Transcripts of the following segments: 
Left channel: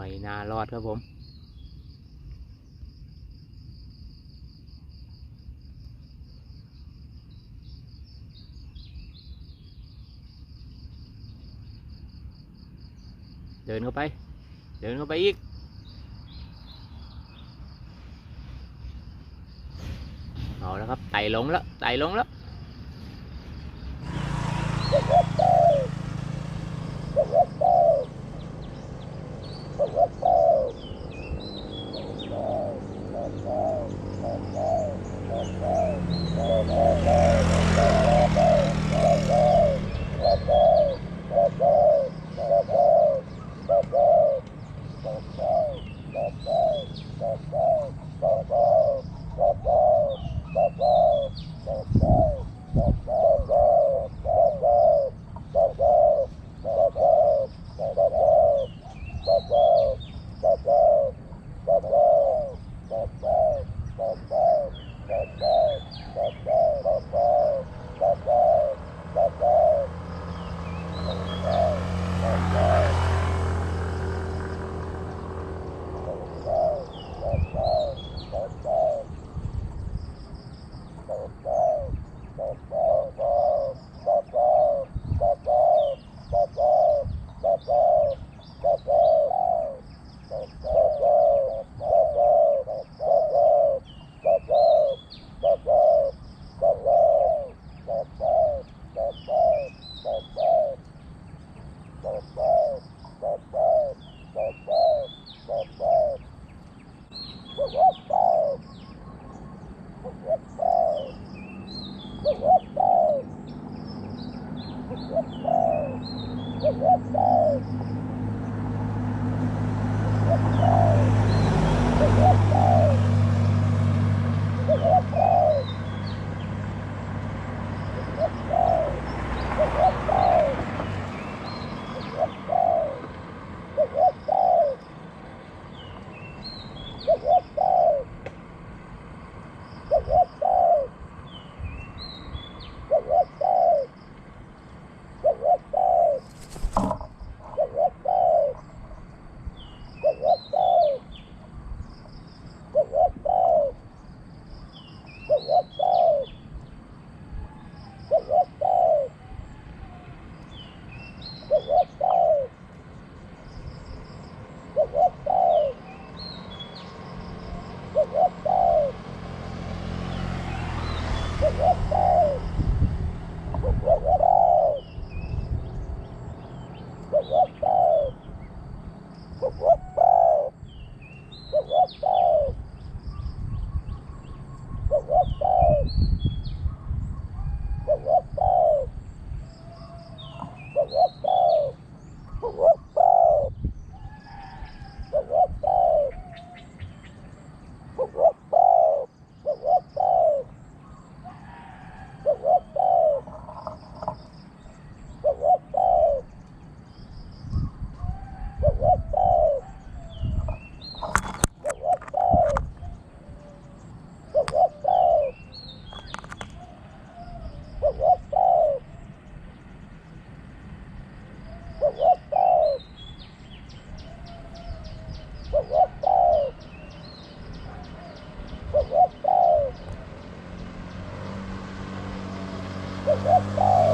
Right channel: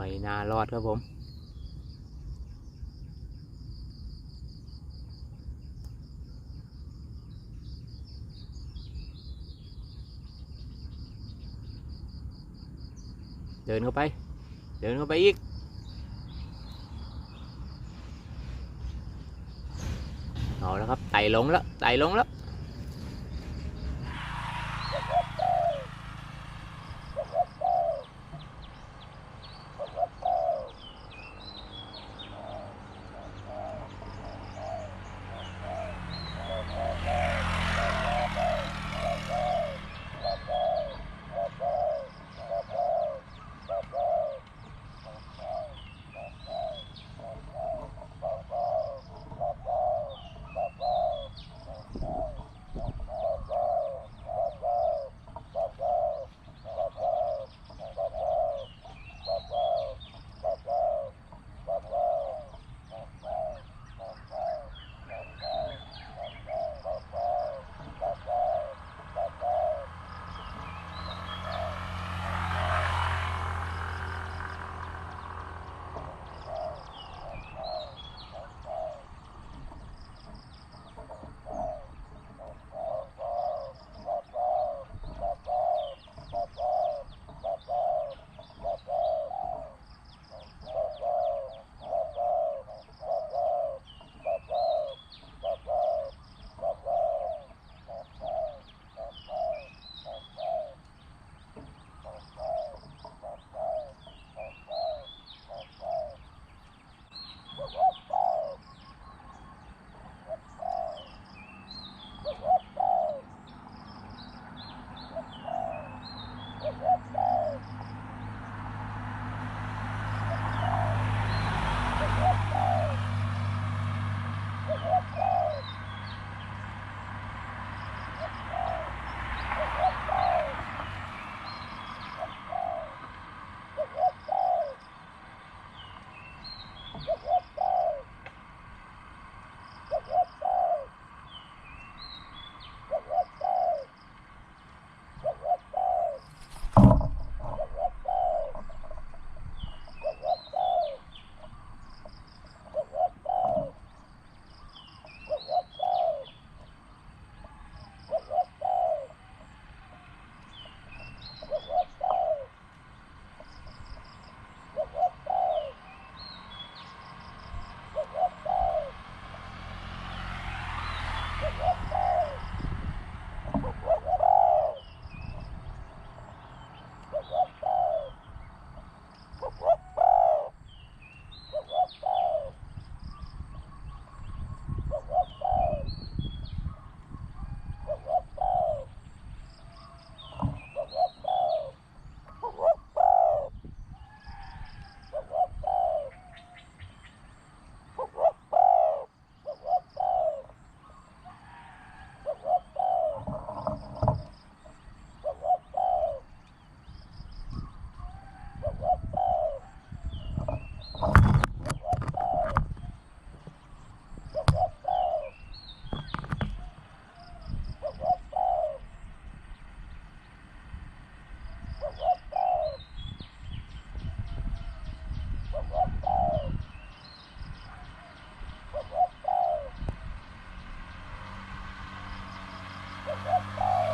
ไม่น่ารอดครับผม เดินเข้าไป เดินเข้าไปอีกเอาแล้วครับไต่ลงแล้วไต่ลงแล้ว Oh, my God.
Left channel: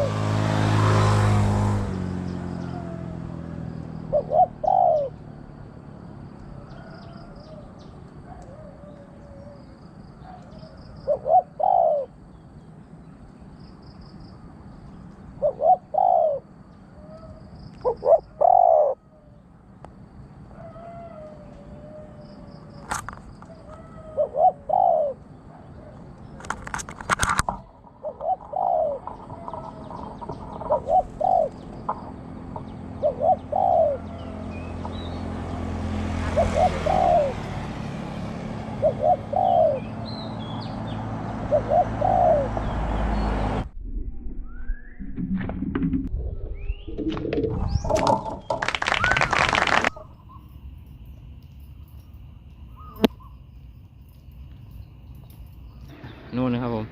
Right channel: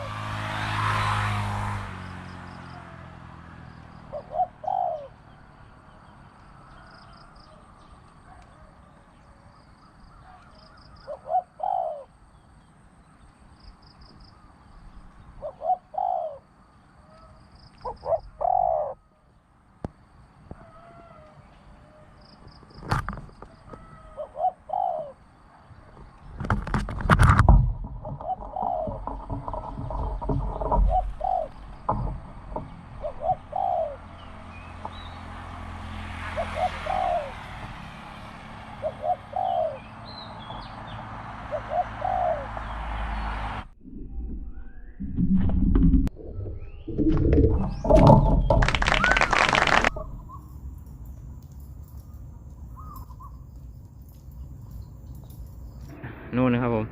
นู่นนะครับผม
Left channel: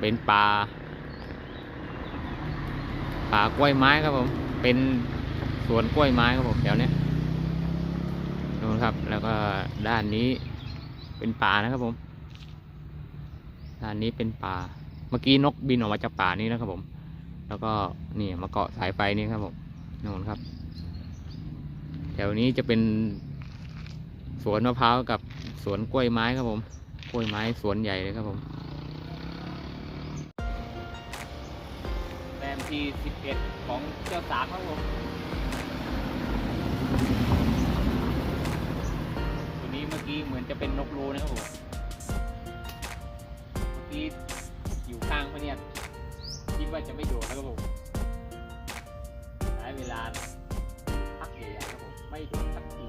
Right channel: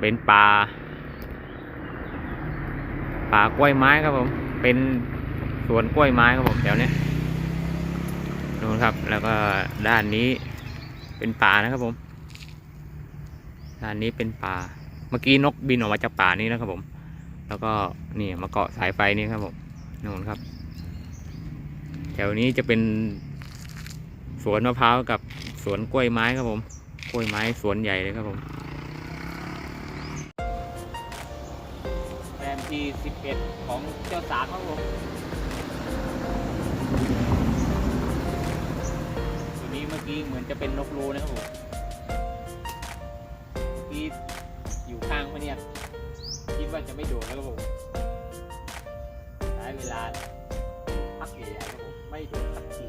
เป็นป่า ป่ากล้วยไม้ครับผม เป็นสวนกล้วยไม้ครับผมแถวนี้นู่นครับ แล้วก็ด้านนี้เป็นป่านะครับผม ด้านนี้เป็นป่า เมื่อกี้นกบินออกมาจากป่านี้นะครับผม แล้วก็นี่มาเกาะสายไฟนี่ครับผมนู่นครับ แถวนี้จะเป็นสวนมะพร้าวกับสวนกล้วยไม้ครับผม กล้วยไม้สวนใหญ่เลยครับผมแรมที่สิบเอ็ดของเจ้าสามครับผมตัวนี้เมื่อกี้เหมือนจะเป็นนกรูนะครับผมเมื่อกี้อยู่ข้างพะเนี่ยคิดว่าจะไม่โดดแล้วครับผมใช้เวลาพักใหญ่ๆครับผมไม่โดดสักที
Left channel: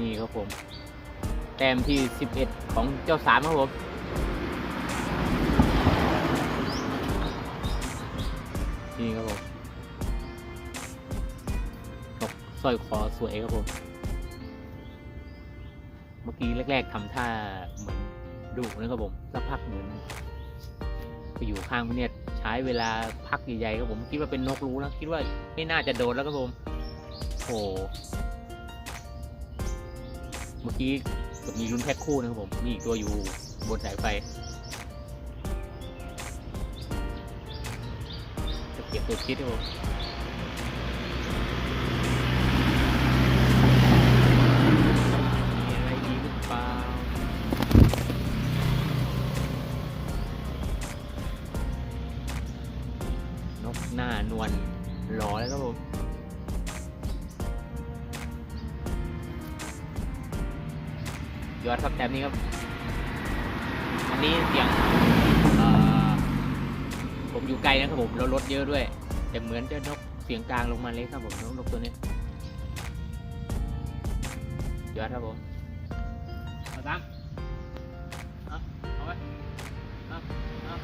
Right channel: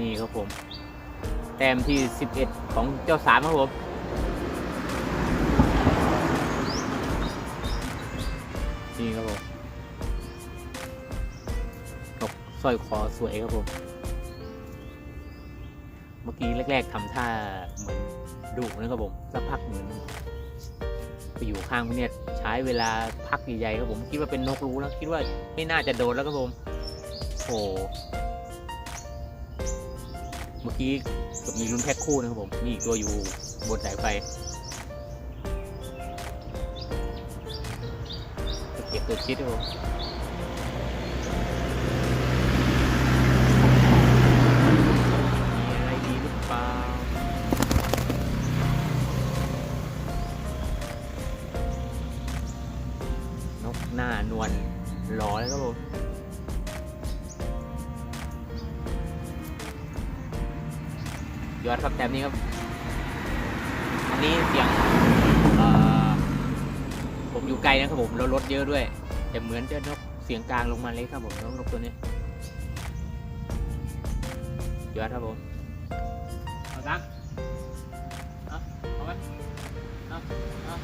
นี่ครับผม แต้มที่ 11 ของเจ้าสามครับผมนี่ครับผมนกสร้อยคอสวยครับผม เมื่อกี้แรก ๆทำท่าเหมือนดุนะครับผมสักพักเหมือนไปอยู่ข้างพี่เนี่ยใช้เวลาพักใหญ่ๆครับผมคิดว่าเป็นนกรู้แล้วคิดว่าไม่น่าจะโดนแล้วครับผมโอ้ เมื่อกี้เกือบมีรุ่นแพ็คคู่นะครับผม มีอีกตัวอยู่บนสายไฟจะเก็บตัวคิดครับผม ยอดครับแต้มนี้ครับ อันนี้เสียงผมอยู่ไกลนะครับผมแล้วรถเยอะด้วย แต่เหมือนจะนกเสียงกลางลงมาเลยครับผมนกนกตัวนี้ยอดครับผมเอาซ้ำเอาเอาไว้เอาเอา